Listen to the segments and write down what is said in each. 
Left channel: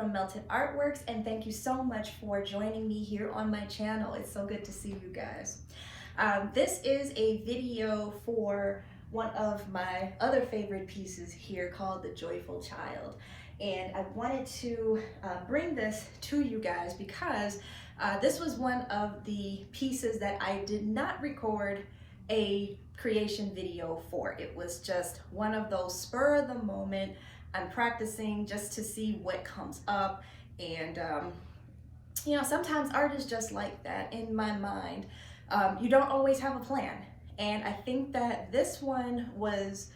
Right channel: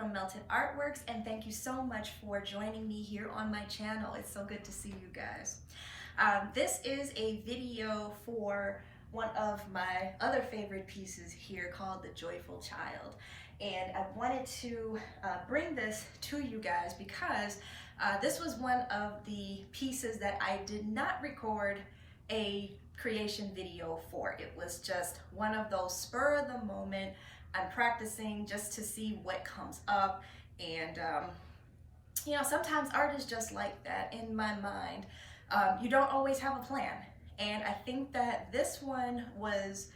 from Melted Artworks, and thank you so much for joining me here on my channel. It's so good to see you guys. This is a video for one of my other favorite pieces here called The Joyful Child. And I wanted to bring this to you guys because this was one of the pieces that I did not record a creation video for. It was just one of those spur of the moment. I'm practicing just to see what comes up, and you know, sometimes art is just like that in my mind. You don't always have a plan, and I think that this one was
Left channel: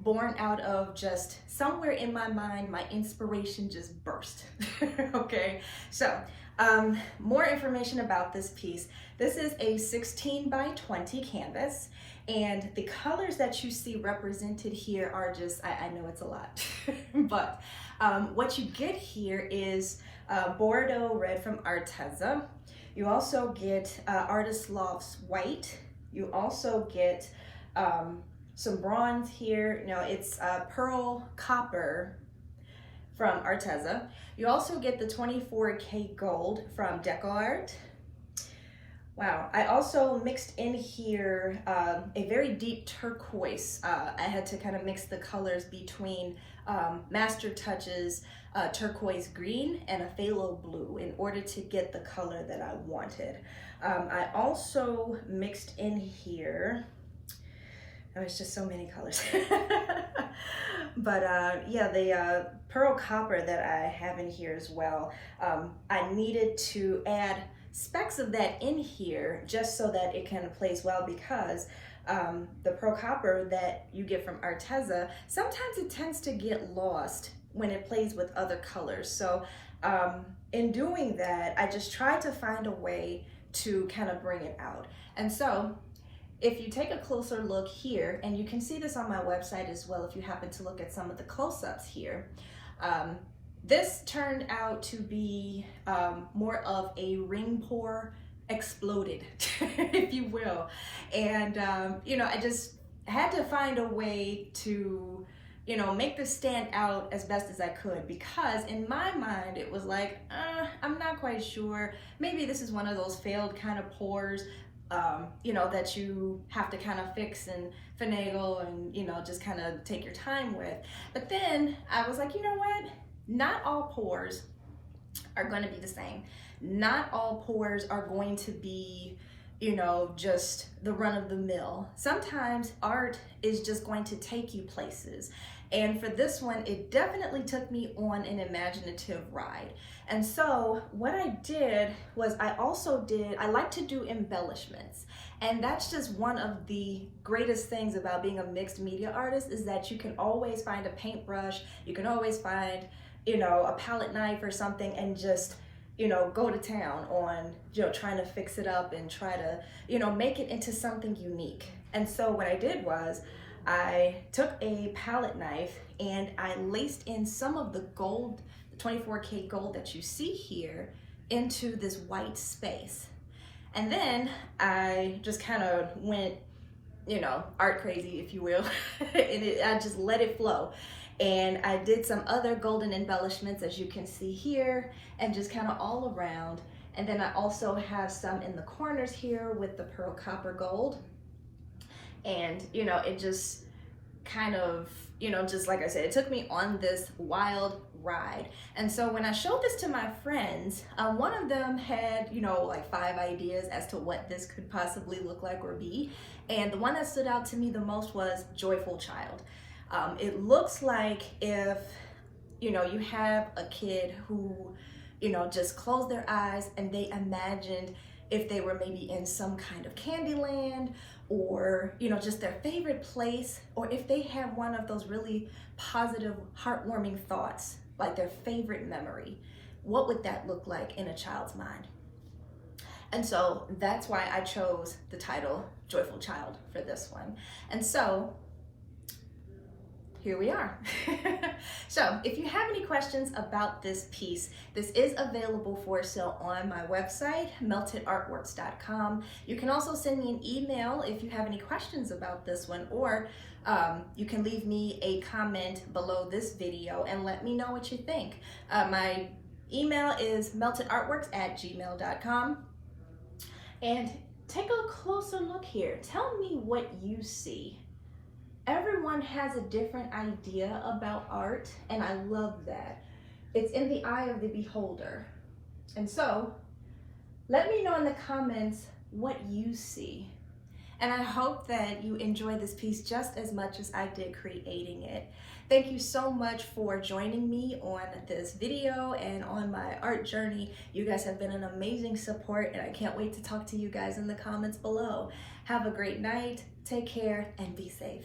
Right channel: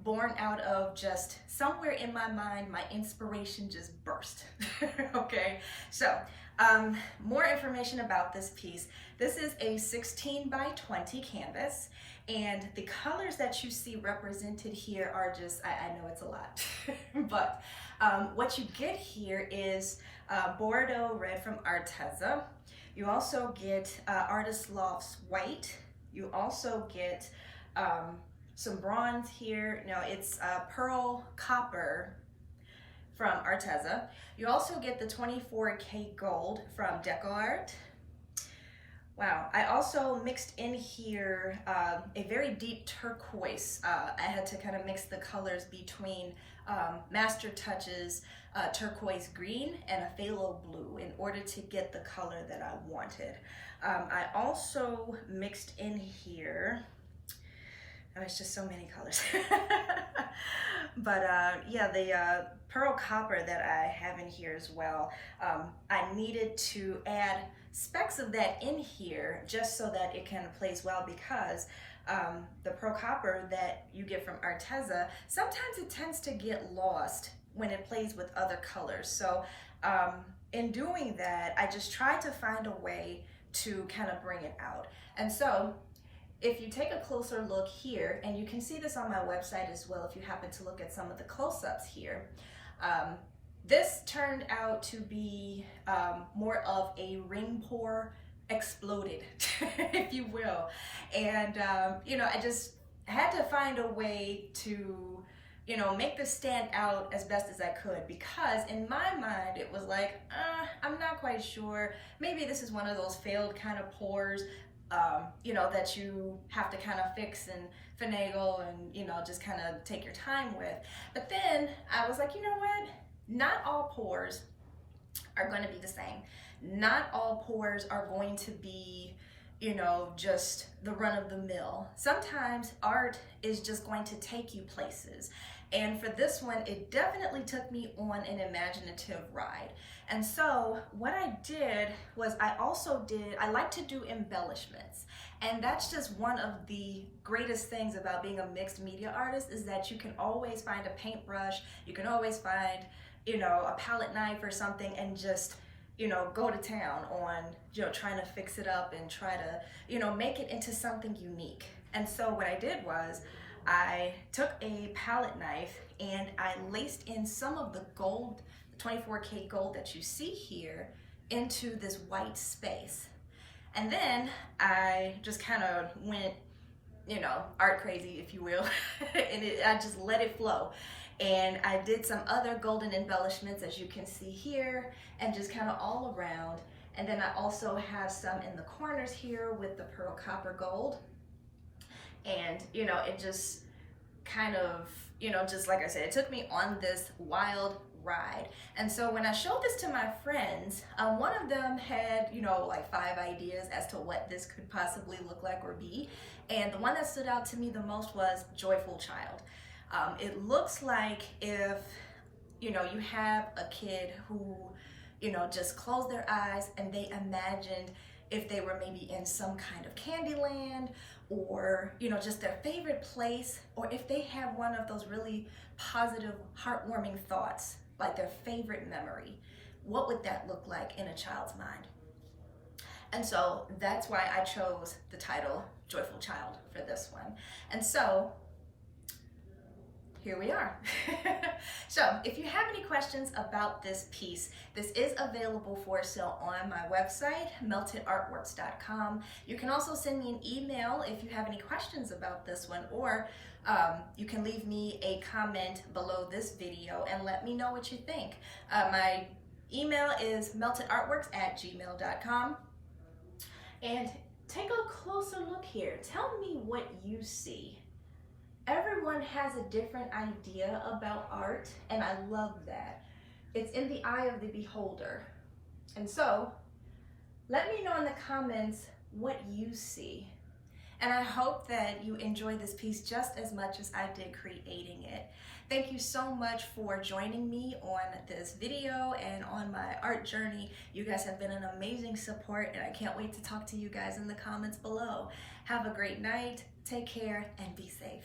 born out of just somewhere in my mind, my inspiration just burst. Okay, so more information about this piece. This is a 16 by 20 canvas, and the colors that you see represented here are just, I know it's a lot, but what you get here is Bordeaux red from Arteza. You also get Artist Loft's white. You also get some bronze here. No, it's pearl copper from Arteza. You also get the 24K gold from DecoArt. Wow, I also mixed in here a very deep turquoise. I had to kind of mix the colors between Master Touch's turquoise green and a phthalo blue in order to get the color that I wanted. I also mixed in here, oh, it's just so many colors. But yeah, the pearl copper that I have in here as well, I needed to add specks of that in here just so that it kind of plays well, because the pearl copper that you get from Arteza, sometimes it tends to get lost when it plays with other colors. So in doing that, I just tried to find a way to kind of bring it out. And so if you take a closer look here, and you can see this on my website as well if you happen to look at some of the close-ups here, this turned out to be more of a ring pour exploded, if you will. And you know, I just had to find a way to, you know, make this stand out as best as I could, because in my mind it was like, I'm not quite sure, maybe this is one of those failed kind of pours, you know, that you have to kind of fix and finagle and, you know, just kind of take your time with. But then I was like, you know what? Not all pours are going to be the same. Not all pours are going to be, you know, just the run of the mill. Sometimes art is just going to take you places. And for this one, it definitely took me on an imaginative ride. And so what I did was I like to do embellishments. And that's just one of the greatest things about being a mixed media artist, is that you can always find a paintbrush, you can always find, you know, a palette knife or something, and just, you know, go to town on, you know, trying to fix it up and try to, you know, make it into something unique. And so what I did was I took a palette knife and I laced in some of the gold, the 24K gold that you see here, into this white space. And then I just kind of went, you know, art crazy, if you will, and I just let it flow. And I did some other golden embellishments, as you can see here, and just kind of all around. And then I also have some in the corners here with the pearl copper gold. And, you know, it just kind of, you know, just like I said, it took me on this wild ride. And so when I showed this to my friends, one of them had, you know, like 5 ideas as to what this could possibly look like or be. And the one that stood out to me the most was Joyful Child. It looks like if, you know, you have a kid who, you know, just closed their eyes and they imagined if they were maybe in some kind of candy land, or, you know, just their favorite place, or if they have one of those really positive, heartwarming thoughts, like their favorite memory, what would that look like in a child's mind? And so that's why I chose the title Joyful Child for this one. And so here we are. So if you have any questions about this piece, this is available for sale on my website, meltedartworks.com. You can also send me an email if you have any questions about this one, or You can leave me a comment below this video and let me know what you think. My email is meltedartworks@gmail.com. And take a closer look here. Tell me what you see. Everyone has a different idea about art, and I love that. It's in the eye of the beholder. And so, let me know in the comments what you see. And I hope that you enjoy this piece just as much as I did creating it. Thank you so much for joining me on this video and on my art journey. You guys have been an amazing support, and I can't wait to talk to you guys in the comments below. Have a great night, take care, and be safe.